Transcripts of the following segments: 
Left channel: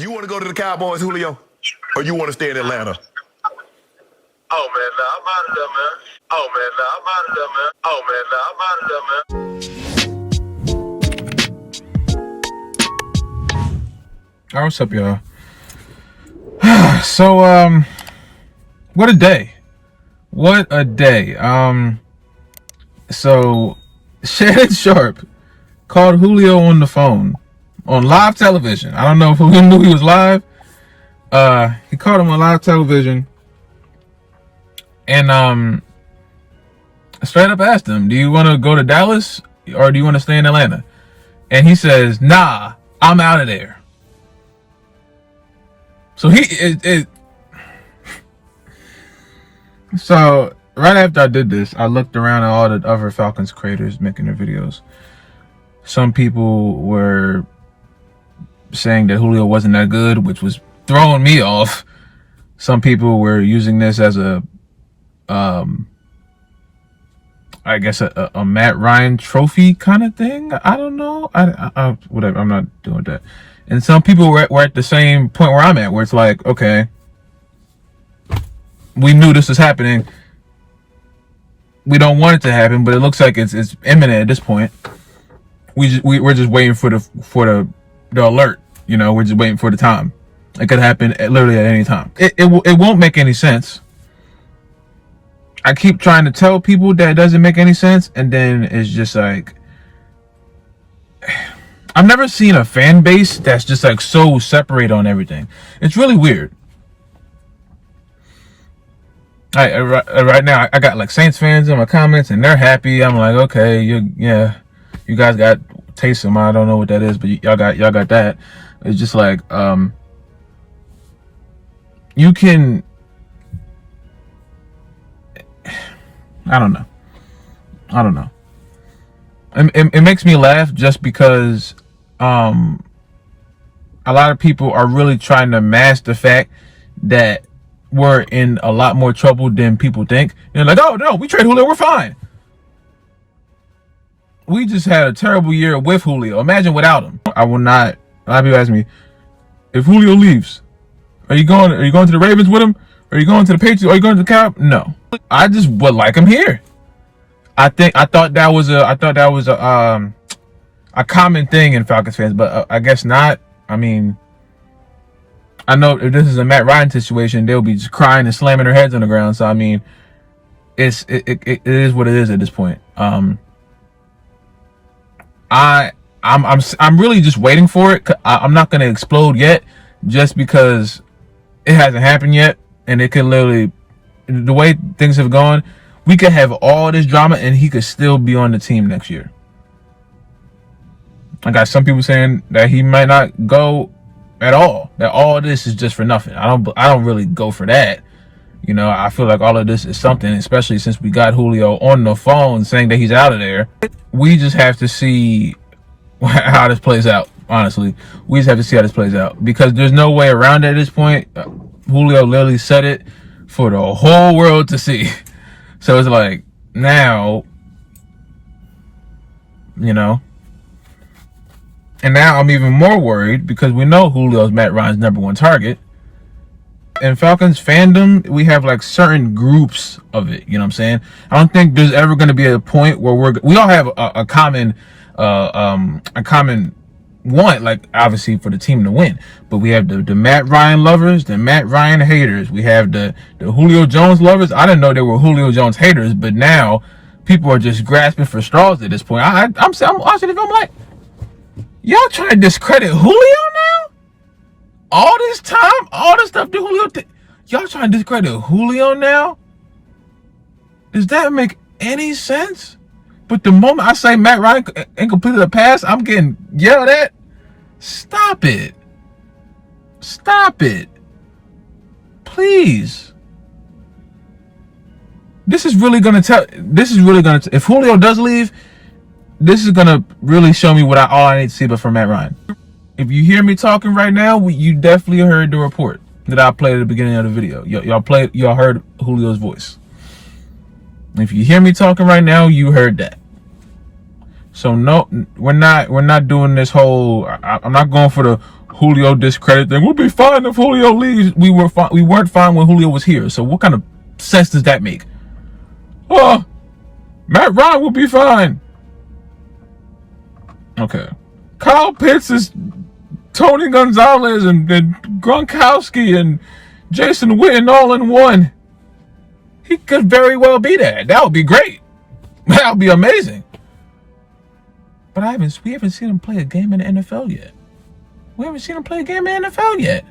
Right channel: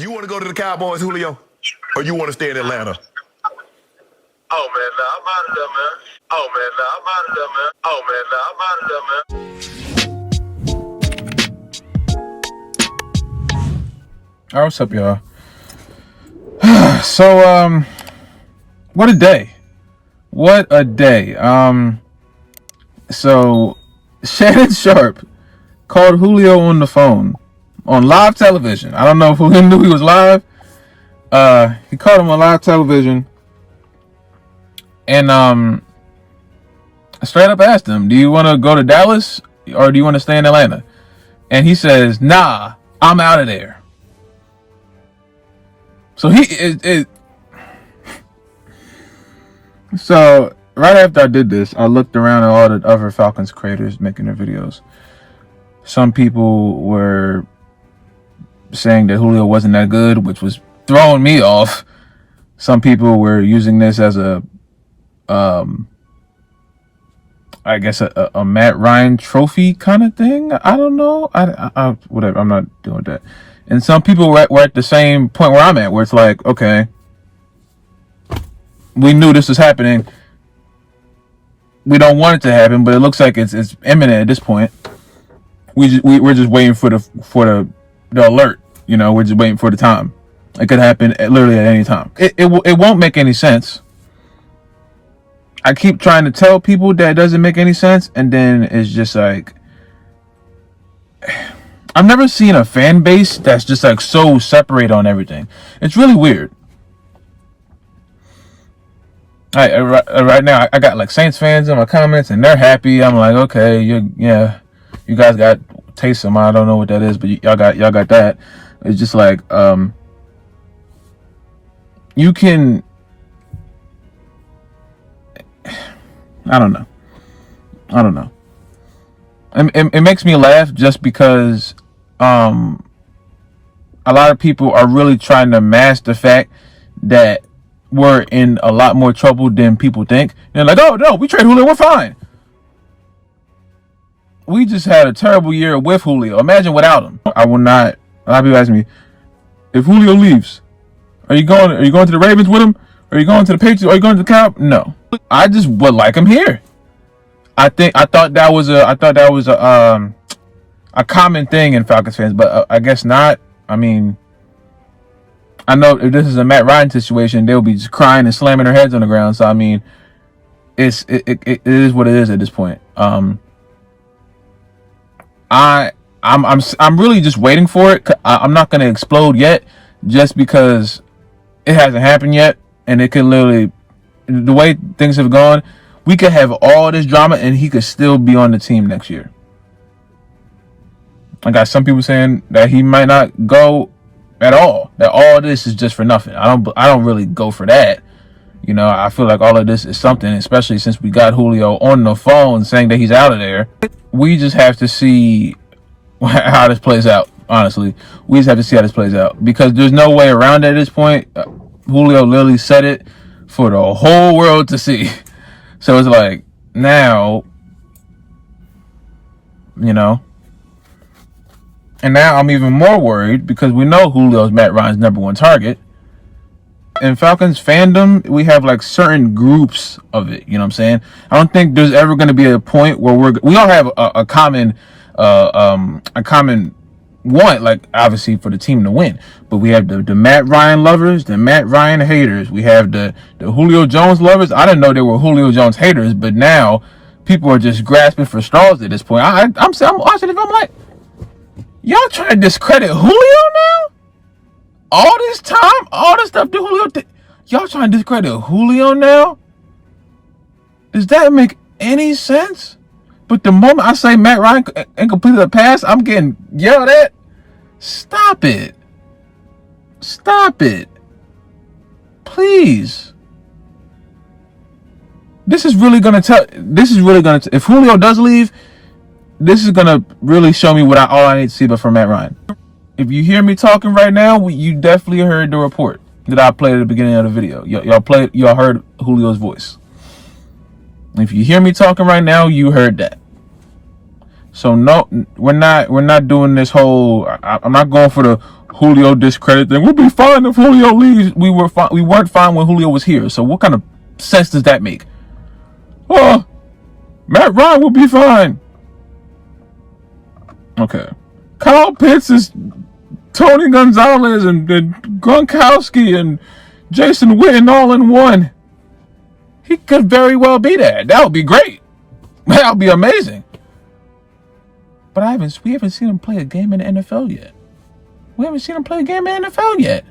You want to go to the Cowboys, Julio? Or you want to stay in Atlanta? Oh, man, nah, I'm out of there, man. Oh, man, nah, I'm out of there, man. Oh, man, nah, I'm out of there, man. All right, what's up, y'all? So, what a day. What a day. So, Shannon Sharp called Julio on the phone on live television. I don't know if Julio knew he was live. He called him on live television and straight up asked him, do you want to go to Dallas or do you want to stay in Atlanta? And he says, nah, I'm out of there. So So right after I did this, I looked around at all the other Falcons creators making their videos. Some people were saying that Julio wasn't that good, which was throwing me off. Some people were using this as a I guess a Matt Ryan trophy kind of thing. I don't know. I whatever. I'm not doing that. And some people were at the same point where I'm at, where it's like, okay, we knew this was happening. We don't want it to happen, but it looks like it's imminent at this point. We're just waiting for the alert. You know, we're just waiting for the time. It could happen literally at any time. It won't make any sense. I keep trying to tell people that it doesn't make any sense, and then it's just like, I've never seen a fan base that's just like so separate on everything. It's really weird. Right now, I got like Saints fans in my comments, and they're happy. I'm like, okay, you guys got Taysom. I don't know what that is, but y'all got that. It's just like, you can, I don't know. It makes me laugh just because a lot of people are really trying to mask the fact that we're in a lot more trouble than people think. They're like, oh no, we trade Julio, we're fine. We just had a terrible year with Julio. Imagine without him. I will not. A lot of people ask me, if Julio leaves, are you going to the Ravens with him? Are you going to the Patriots? Are you going to the Cow? No. I just would like him here. I thought that was a common thing in Falcons fans, but I guess not. I mean, I know if this is a Matt Ryan situation, they'll be just crying and slamming their heads on the ground. So I mean, it is what it is at this point. I'm really just waiting for it. I'm not gonna explode yet, just because it hasn't happened yet, and it can literally, the way things have gone, we could have all this drama and he could still be on the team next year. I got some people saying that he might not go at all. That all this is just for nothing. I don't really go for that. You know, I feel like all of this is something, especially since we got Julio on the phone saying that he's out of there. We just have to see how this plays out. Honestly, we just have to see how this plays out, because there's no way around it at this point. Julio literally said it for the whole world to see. So it's like, now, you know, and now I'm even more worried because we know Julio's Matt Ryan's #1 target. In Falcons fandom, we have like certain groups of it. You know what I'm saying? I don't think there's ever going to be a point where we all have a common want, like obviously for the team to win. But we have the Matt Ryan lovers, the Matt Ryan haters. We have the Julio Jones lovers. I didn't know there were Julio Jones haters, but now people are just grasping for straws at this point. I'm watching it. I'm like, y'all trying to discredit Julio now? All this time, all this stuff that Julio did, y'all trying to discredit Julio now? Does that make any sense? But the moment I say Matt Ryan incompleted a pass, I'm getting yelled at. Stop it. Stop it. Please. This is really going to if Julio does leave, this is going to really show me all I need to see but from Matt Ryan. If you hear me talking right now, you definitely heard the report that I played at the beginning of the video. Y'all heard Julio's voice. If you hear me talking right now, you heard that. So no, we're not doing this whole, I'm not going for the Julio discredit them. We'll be fine if Julio leaves. We weren't fine when Julio was here. So what kind of sense does that make? Oh, Matt Ryan will be fine. Okay. Kyle Pitts is Tony Gonzalez and Gronkowski and Jason Witten all in one. He could very well be that. That would be great. That would be amazing. But we haven't seen him play a game in the NFL yet. We haven't seen him play a game in the NFL yet.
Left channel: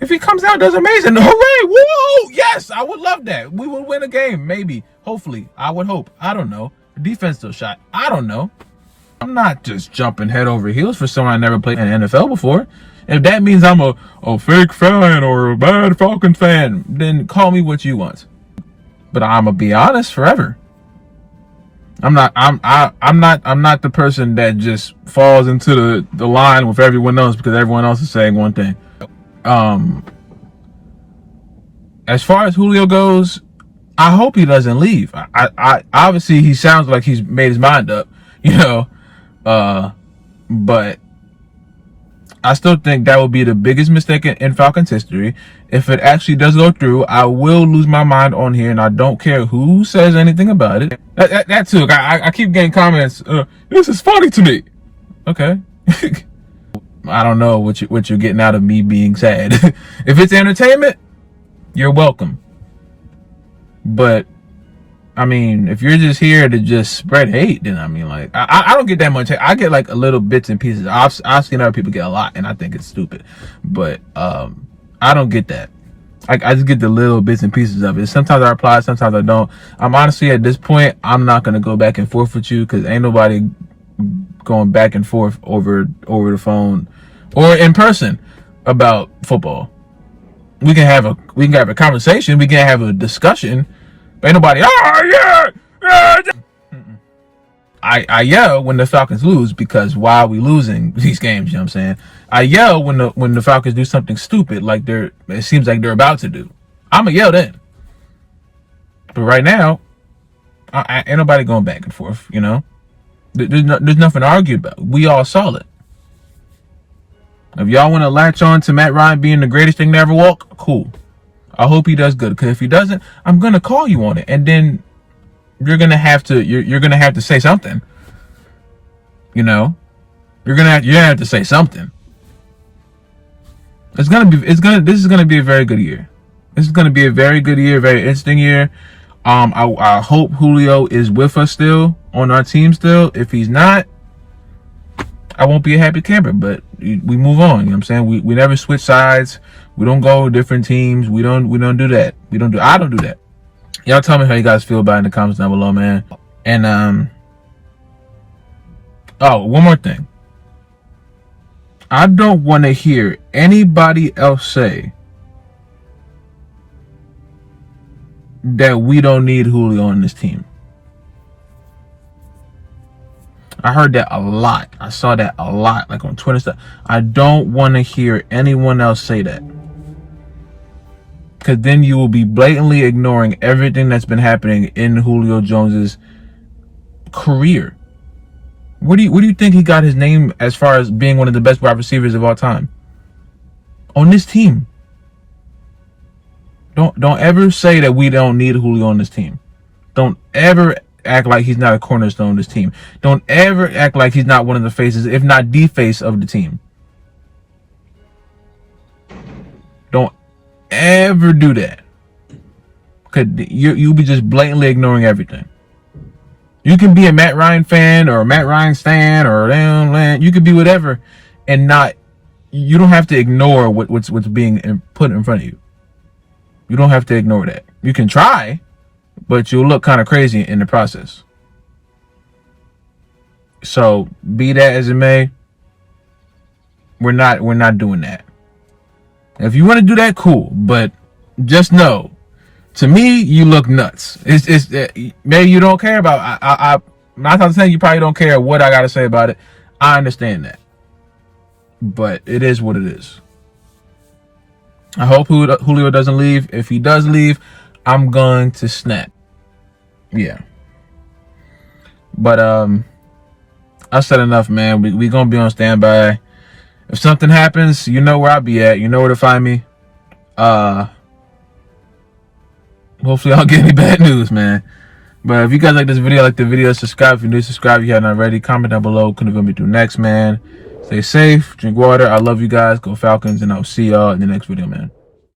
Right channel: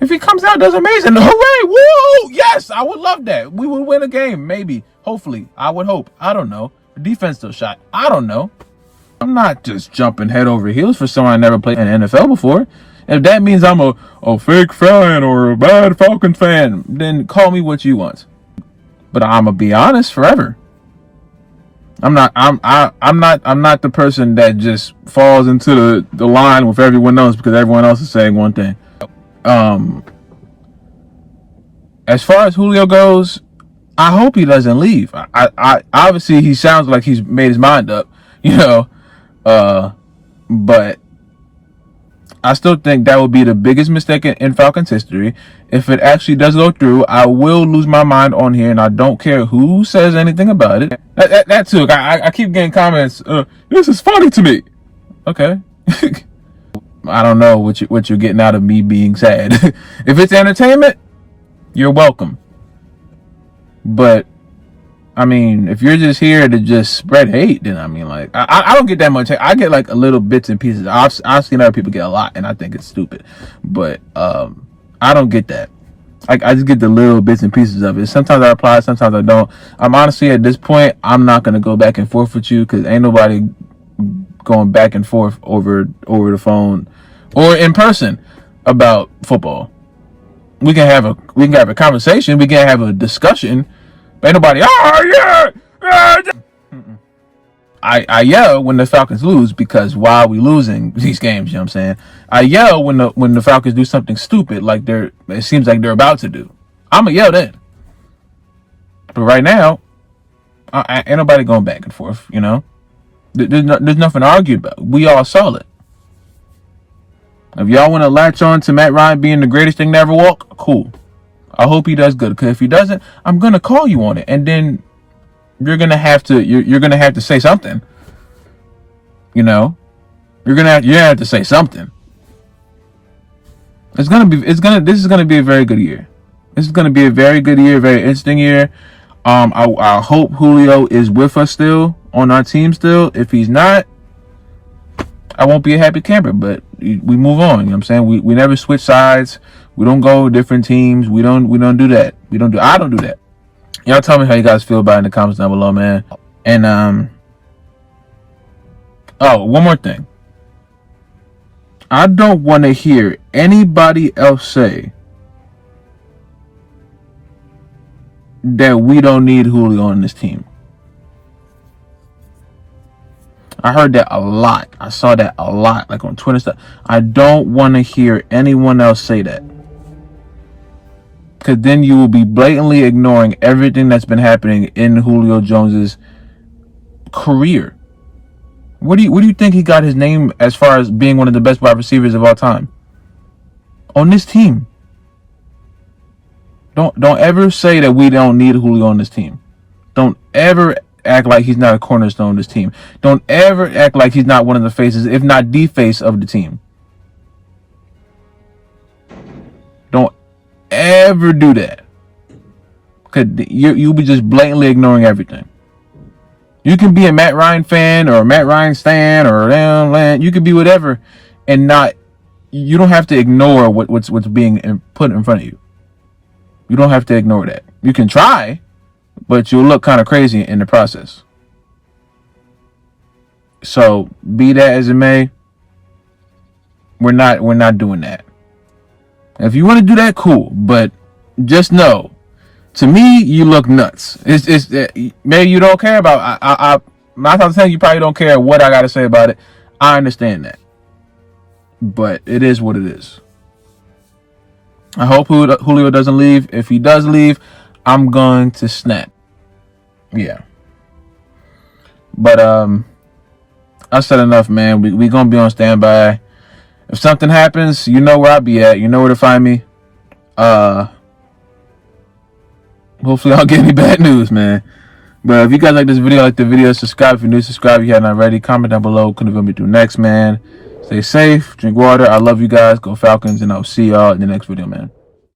If he comes out, that's amazing. Hooray! Woo! Yes, I would love that. We would win a game, maybe. Hopefully. I would hope. I don't know. The defense still shot. I don't know. I'm not just jumping head over heels for someone I never played in the NFL before. If that means I'm a fake fan or a bad Falcons fan, then call me what you want. But I'm gonna be honest forever. I'm not the person that just falls into the line with everyone else because everyone else is saying one thing. As far as Julio goes, I hope he doesn't leave. I obviously he sounds like he's made his mind up, but I still think that would be the biggest mistake in Falcons history. If it actually does go through, I will lose my mind on here, and I don't care who says anything about it. That too. I keep getting comments. This is funny to me. Okay. I don't know what you're getting out of me being sad. If it's entertainment, you're welcome. But I mean, if you're just here to just spread hate, then I mean, like, I don't get that much hate. I get like a little bits and pieces. I've seen other people get a lot, and I think it's stupid. But I don't get that. I just get the little bits and pieces of it. Sometimes I reply, sometimes I don't. I'm honestly at this point, I'm not gonna go back and forth with you because ain't nobody going back and forth over the phone or in person about football. We can have a conversation. We can have a discussion. Ain't nobody. Oh yeah. I yell when the Falcons lose because why are we losing these games? You know what I'm saying? I yell when the Falcons do something stupid like it seems like they're about to do. I'ma yell then. But right now, ain't nobody going back and forth. There's nothing to argue about. We all solid. If y'all want to latch on to Matt Ryan being the greatest thing to ever walk, cool. I hope he does good. Because if he doesn't, I'm gonna call you on it, and then you're gonna have to say something. You're gonna have to say something. This is gonna be a very good year. This is gonna be a very good year, very interesting year. I hope Julio is with us still on our team still. If he's not, I won't be a happy camper, but we move on. You know what I'm saying? We never switch sides. We don't go with different teams. We don't do that. I don't do that. Y'all tell me how you guys feel about it in the comments down below, man. And one more thing. I don't want to hear anybody else say that we don't need Julio on this team. I heard that a lot. I saw that a lot, like on Twitter stuff. I don't want to hear anyone else say that. Because then you will be blatantly ignoring everything that's been happening in Julio Jones's career. Where do you think he got his name as far as being one of the best wide receivers of all time? On this team. Don't ever say that we don't need Julio on this team. Don't ever act like he's not a cornerstone of this team. Don't ever act like he's not one of the faces, if not the face of the team. Don't ever do that. Cause you'll be just blatantly ignoring everything. You can be a Matt Ryan fan or a Matt Ryan stan or you can be whatever, and you don't have to ignore what's being put in front of you. You don't have to ignore that. You can try, but you'll look kind of crazy in the process. So be that as it may, we're not doing that. If you want to do that, cool. But just know, to me, you look nuts. It's maybe you don't care about. I'm not saying you probably don't care what I got to say about it. I understand that, but it is what it is. I hope Julio doesn't leave. If he does leave, I'm going to snap. Yeah. But I said enough, man. We gonna be on standby. If something happens, you know where I'll be at. You know where to find me. Hopefully I don't get any bad news, man. But if you guys like this video, like the video, subscribe if you're new, subscribe if you haven't already. Comment down below. Couldn't go me through next, man. Stay safe, drink water. I love you guys. Go Falcons, and I'll see y'all in the next video, man.